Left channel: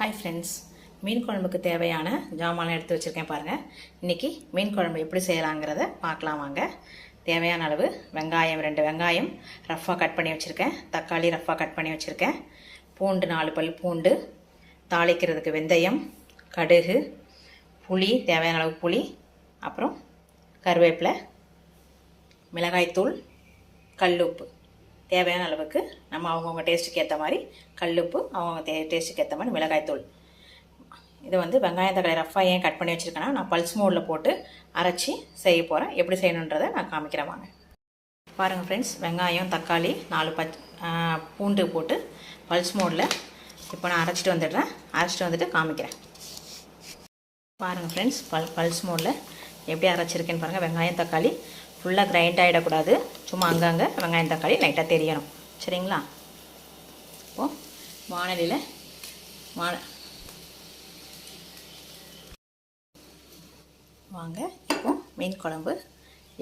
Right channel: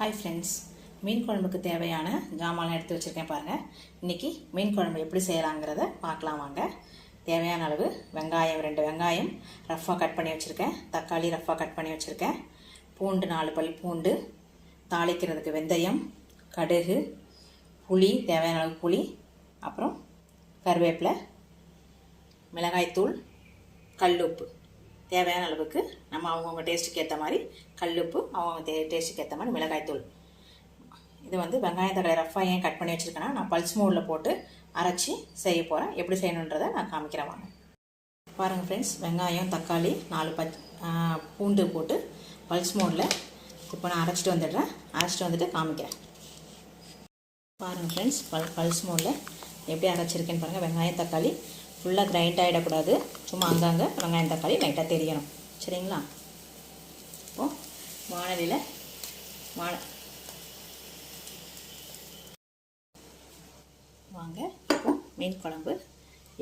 Hi friends மீன் குழம்புக்கு தேவையான ஜாமான் எடுத்து வச்சுருக்கேன் பாருங்கள் இன்றைக்கி மீன் குழம்பு எப்படி செய்யலாங்கிறத பார்க்கலாம் வாங்க. தேவையான அளவு வெங்காயம் ரெண்டு வெங்காயம் ரஃப்பாக கட் பண்ணி வச்சுருக்கேன். தக்காளி ரஃப்பாக கட் பண்ணி வச்சுருக்கேன். பூண்டு நாலு பல் பூண்டு. தாளிக்கிறதுக்கு வெந்தயம் கடுகு புளி தேவையான அளவு புளி. அப்புறம் கருவேப்பிலை மிளகாய்த்தூள் கல்லுப்பு. தேவையான அளவுக்கு நம்ம அவங்கவுங்க டேஸ்ட்டுக்கு ஏற்ற மாதிரி கல்லுப்பு அவங்க தே டேஸ்ட்டுக்கு ஏற்ற மாதிரி மிளகாய்த்தூள் இது வந்து வெங்காயம் தக்காளி ரஃபாக ஏன் கட் பண்ணி வச்சுருக்கேன்னா நான் பல்ஸ் மோடில் போட்டு அரைச்சி செய்ய போகிறேன் எப்படி செய்யணுன்றதை நான் காமிக்கிறேன் வாங்க. பாருங்கள் ஃப்ரெண்ட்ஸ் வெங்காயம் தக்காளி நாலு பச் பூண்டு போட்டு பல்ஸ் மோடில் இப்போ நான் அரைச்சிட்டு வந்துடுறேன். அரைச்சிட்டு வந்துட்டு காமிக்கிறேன். பாருங்கள் ஃப்ரெண்ட்ஸ் பல் பல்ஸ் மோடில் எப்படி அரைச்சிருக்கேன்னு பாருங்கள் வெங்காயம் தக்காளி ஃபுல்லாக கிரைண்ட் ஆகிடக்கூடாது சும்மா அங்கங்கே வெங்காயம் தக்காளி லைட்டாக தெரியணும். சரிங்களா? இப்போது வானலியில் வான வாங்க இப்போ மீன் குழம்பு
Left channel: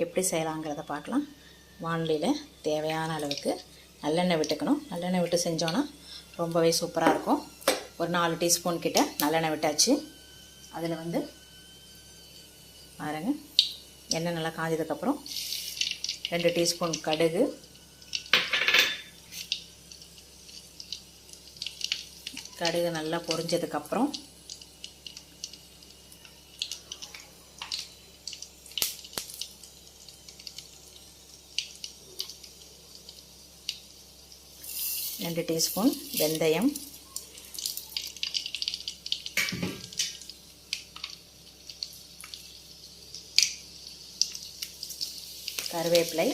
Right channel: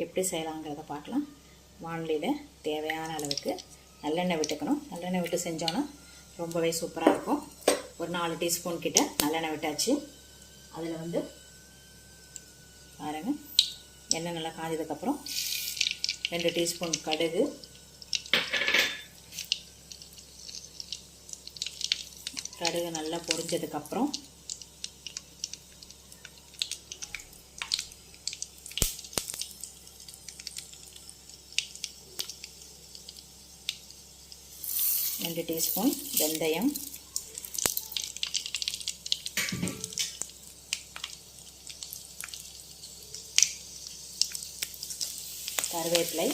எப்படி செய்யலாங்கிறத பார்க்கலாம். வானலியில் தேவையான அளவுக்கு நல்லெண்ணெய் விட்டுக்கணும். நல்லெண்ணெய் விட்டு செஞ்சோன்னா ரொம்பவே சூப்பராக இருக்கும். ஒரு நாலு டீஸ்பூன் கிட்ட நல்லெண்ணெய் விட்டாச்சு. அதில் வந்து பாருங்கள் எண்ணெய் நல்லா காஞ்சதுக்கப்புறம் ரெண்டு டீஸ்பூன் கடுகு. கடுகு நல்லா பொரிஞ்சதுக்கப்புறம் ரெண்டு டீஸ்பூன் வெந்தயம். கருவேப்பிலை.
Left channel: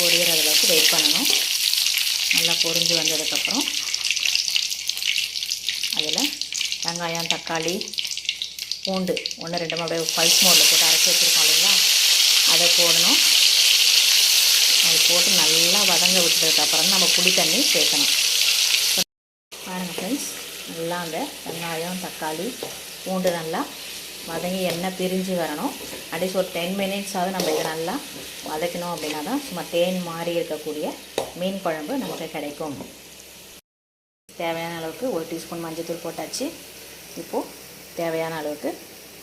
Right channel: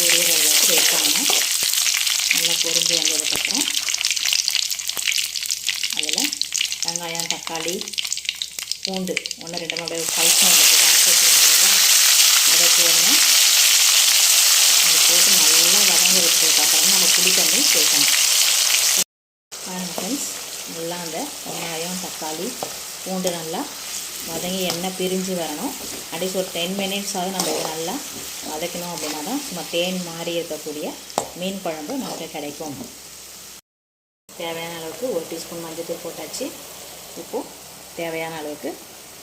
பொரியற நல்லா அளவுக்கு வெயிட் பண்ணணும். நல்லா பொரிஞ்சு வந்ததுக்கப்புறம் அதில் வெங்காயம் தக்காளி பூண்டு ஒன்று ரெண்டு அப்படியே ஃபைவ் மோடில் போட்டு அரைச்சி வச்சுருக்கோம் இல்லைங்களா? அதை போடணும். அது போட்டு நல்லா வதங்க விட்டதுக்கப்புறம் நம்ம புளி தண்ணி சேர்க்கணும். பாருங்கள் ஃப்ரெண்ட்ஸ் நல்லா அந்த வெங்காயம் தக்காளி பூண்டு நல்லா வதங்கி எண்ணெய் பிரிஞ்சு வரணும். அட்லீஸ்ட் ஒரு டென் மினிட்ஸாவது நம்ம இதை நல்லா வதக்கணும் அப்படின்னா தான் சும்மா தேன் மாறி இருக்கக்கூடிய மீன் குழம்பு நமக்கு கிடைக்கும். தேவையான அளவுக்கு ஒரு டீஸ்பூன் மஞ்சள் தூள் போட்டாச்சு. இப்போது தேவையான அளவுக்கு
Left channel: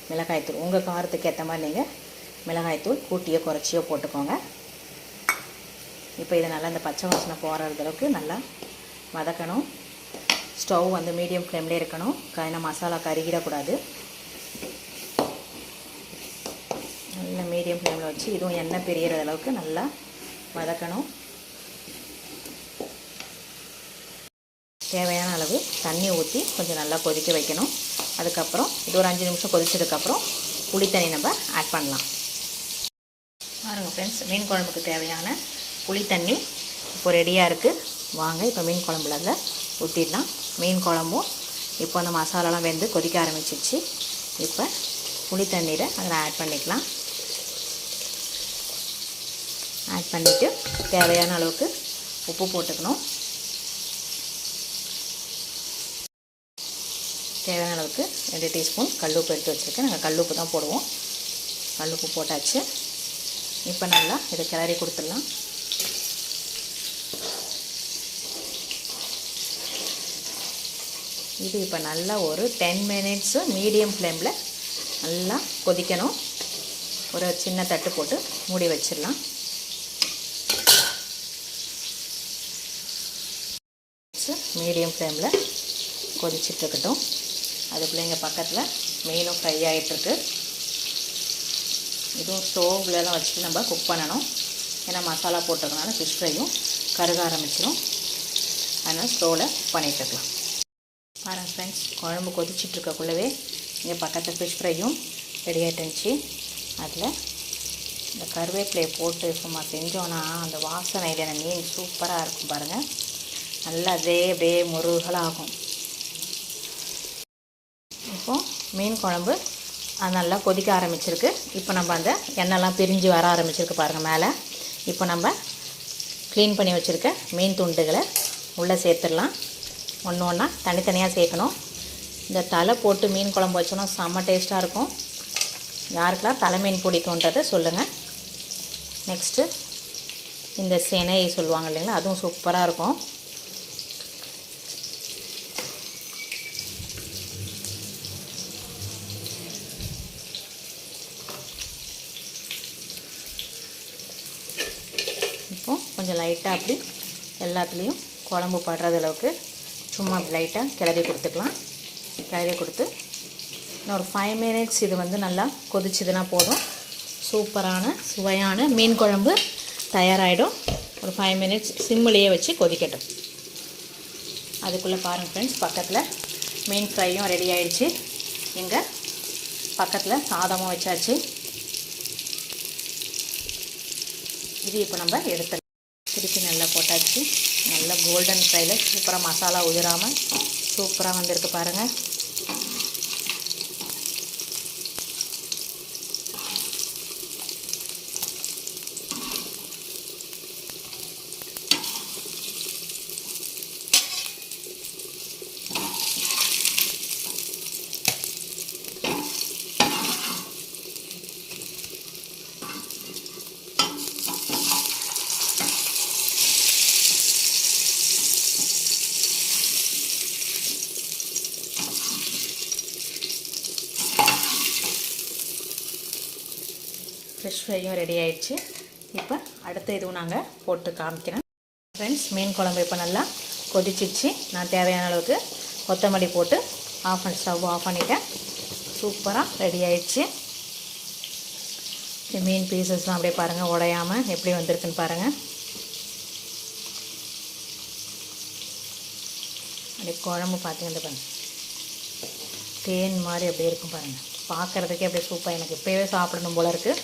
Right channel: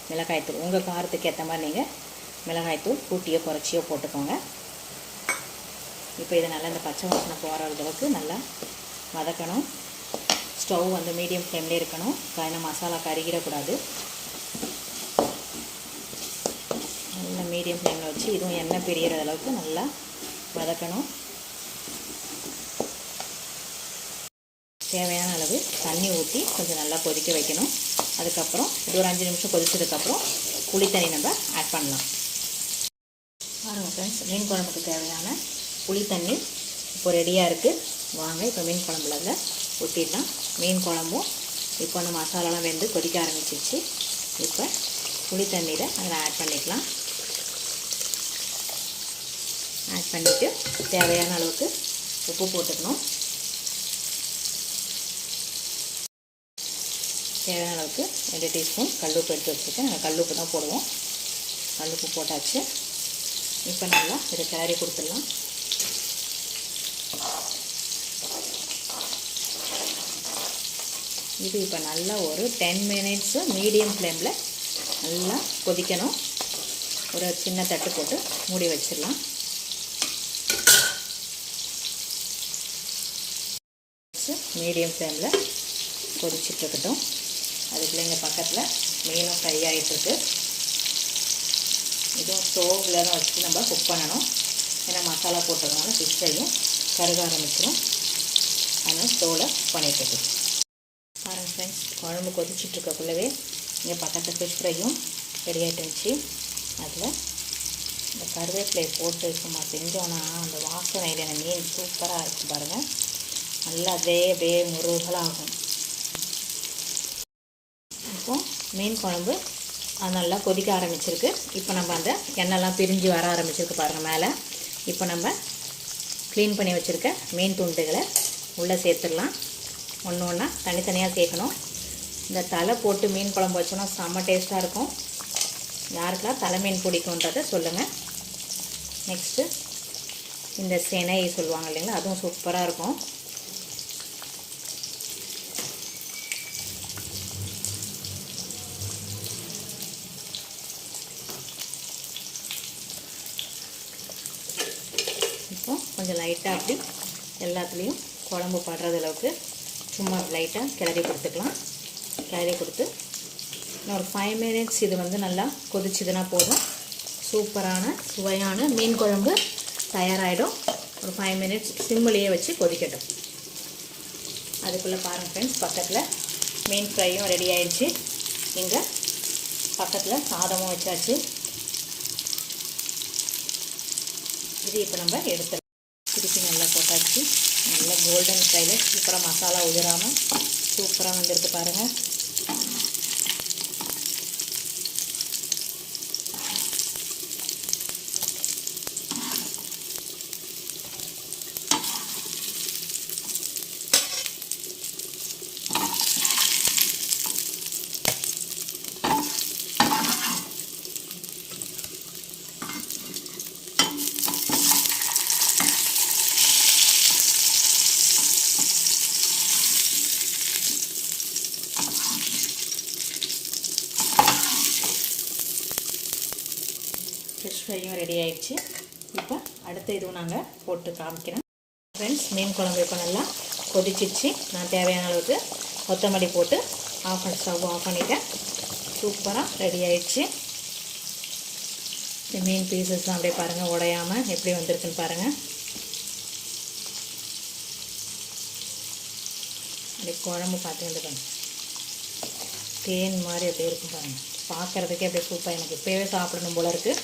மிளகாய்த்தூள் உங்கள் காரத்துக்கு ஏற்ற மாதிரி நீங்கள் மிளகாய்த்தூள் கூட்டியோ குறைச்சியோ போட்டுக்கோங்க. இப்போ இதை நல்லா இந்த பச்சை வாசனை போகிற அளவுக்கு நல்லா வதக்கணும். ஸ்டவ் வந்து மீடியம் ஃப்ளேம்லேயே இருக்கணும். காய்ன மசாலா கருகிடக்கூடாது. நல்ல மீடியம் ஃப்ளேமில் வச்சு இதுவும் எண்ணெய் பிரிகிற அளவுக்கு நல்லா வதக்கணும். தேவையான அளவு தண்ணி ஊற்றி கொஞ்சம் நல்லா கொதிக்க வைக்கணும். அதுக்கப்புறம் இது ஒரு அஞ்சு நிமிஷம் கொதிச்சதுக்கப்புறம் புளித்தண்ணி தண்ணி நம்ம ஆட் பண்ணலாம். பாருங்கள் ஃப்ரெண்ட்ஸ் மீன் குழம்புக்கு தேவையான புளித்தண்ணி இப்போ ரெடியாக இருக்குது வாங்க இப்போ மீன் குழம்புல அதில் ஊற்றிடலாம் மீன் குழம்பும் இப்போ அந்த மசாலாலாம் வெந்து கொதிக்க ஆரம்பிச்சிருச்சு. இப்போ புளி தண்ணீரை அதில் ஆட் பண்ணிக்கலாம். ஆட் பண்ணிவிட்டு தேவையான அளவுக்கு உப்பு போட்டுக்கணும். தேவையான அளவுக்கு ரெண்டு டீஸ்பூன் கல்லுப்பு எடுத்து வச்சுருக்கேன். நாங்கள் கல்லுப்பு தான் போடுவோம். கல்லுப்பு போட்டாச்சு. இப்போ நல்லா இதை கிளறி கொடுத்துடலாம். இது இப்போ நல்லா ஒரு டென் மினிட்ஸு மீடியம் ஃப்ளேமில் நல்லா கொதிக்கணும். ஒரு சின்ன தட்டு போட்டு மூடி வச்சிடலாம். மீடியம் ஃப்ளேமில் கொதிச்சிட்ருக்கட்டும் அதுக்குள்ளே இங்கே பக்கத்தில் மீனும் ஃப்ரை ஆகிட்டுருக்கு இதுவும் ஸ்டோவ்லலாம் வச்சு நம்ம குக் பண்ணணும். ஏன்னா மசாலா போட்டிருக்கனால ஃபிஷ் ஃப்ரையும் கருக ஆரம்பிச்சிடும் அதனால் ஸ்டோவில் பண்ணிட்டுருக்கலாம் பாருங்கள் ஃப்ரெண்ட்ஸ் குழம்பு கொதிச்சிட்ருக்கக்குள்ளவே இங்கே பக்கத்தில் ஃபிஷ் ஃப்ரையும் ரெடி ஆகிட்டுருந்துச்சு அதில் இந்த கருவேப்பிலையை போட்டு சும்மா செஞ்சோன்னா அந்த வாசனையில் மீன் சூப்பராக இருக்கும் பாருங்கள் நல்லா அதே அப்படியே முருகலாகும். இருக்கும். மீன் குழம்பு அது நல்லா கொதிக்க ஆரம்பிச்சிருக்கு. இப்போ நம்ம அந்த எண்ணெய்லாம் பிரிஞ்சு வர ஆரம்பிச்சிருக்கு பாருங்கள் மேலே. இப்போ நம்ம க்ளீன் பண்ணி வச்சுருக்க மீன் துண்டுகளை உள்ளே சேர்த்துடலாம். ஒன்று ஒன்றா தனித்தனியாக சேர்க்கணும். இந்த தலை போட்டு மீன் குழம்பு வச்சோன்னா செம்ம டேஸ்ட்டாக இருக்கும். யாருக்கெல்லாம் தலை மீன் பிடிக்குன்றதை சொல்லுங்கள் நெக்ஸ்ட்டு இந்த செனை சொல்லுவாங்க இல்லைங்களா அதுவும் சூப்பராக இருக்கும் இப்போ கொஞ்சம் லைட்டாக அப்படி எல்லாத்துலேயும் குழம்பு படுறது அளவுக்கு சும்மா லைட்டாக கிளறி கொடுத்துக்கலாம். கிளறி கொடுத்து இன்னும் ஒரு ஃபைவ் மினிட்ஸ் இது வந்து நல்லா கொதிச்சுதுன்னா போதும். சூப்பரான சுவையான மீன் குழம்பு தயாராகிடும் ஒரு ஃபைவ் மினிட்ஸ் சிம்மிலேயே வச்சு கொதிக்கட்டும். அதுக்குள்ளே பாருங்கள் ஃப்ரெண்ட்ஸ் பக்கத்தில் மீன் ஃப்ரையும் ரெடி ஆயிடுச்சு. இங்கே பக்கத்தில் சாதமும் வச்சாச்சு. இது இப்போ நம்ம எடுத்து திருப்பி நல்லா போட்டாச்சு. நல்லா கோல்டன் ஃப்ரையில் சூப்பராக மசாலா உதிராமல் சூப்பராக வந்திருக்கு பாருங்கள் ஃபிஷ் ஃப்ரையும் ரெடி ஆயிடுச்சு. இப்போ அடுத்த இதுவும் நாங்கள் போட்டு காமிக்கிறேன் ஃப்ரெண்ட்ஸ் மீன் குழம்பு இப்போ நல்லா கொதிச்சிச்சு நான் தேவையான அளவுக்கு கொத்தமல்லி போட்டு ஆஃப் பண்ணி ஸ்டவ் ஆஃப் பண்ணிட்டேன். சூப்பராக ரெடி ஆயிடுச்சு. இந்த மீன் பீசஸ்லாம் அப்படியே பாருங்கள் உடையாமல் எப்படி வந்திருக்குன்னு பாருங்கள் அப்படியே குழம்பு பார்த்தீங்கன்னா பாருங்கள் தேன் மாதிரி அப்படியே இருக்கும் பாருங்கள் பார்க்குறதுக்கே அப்படியே சூப்பராக எனக்கு இப்போயே சாப்பிடணும் போல இருக்குது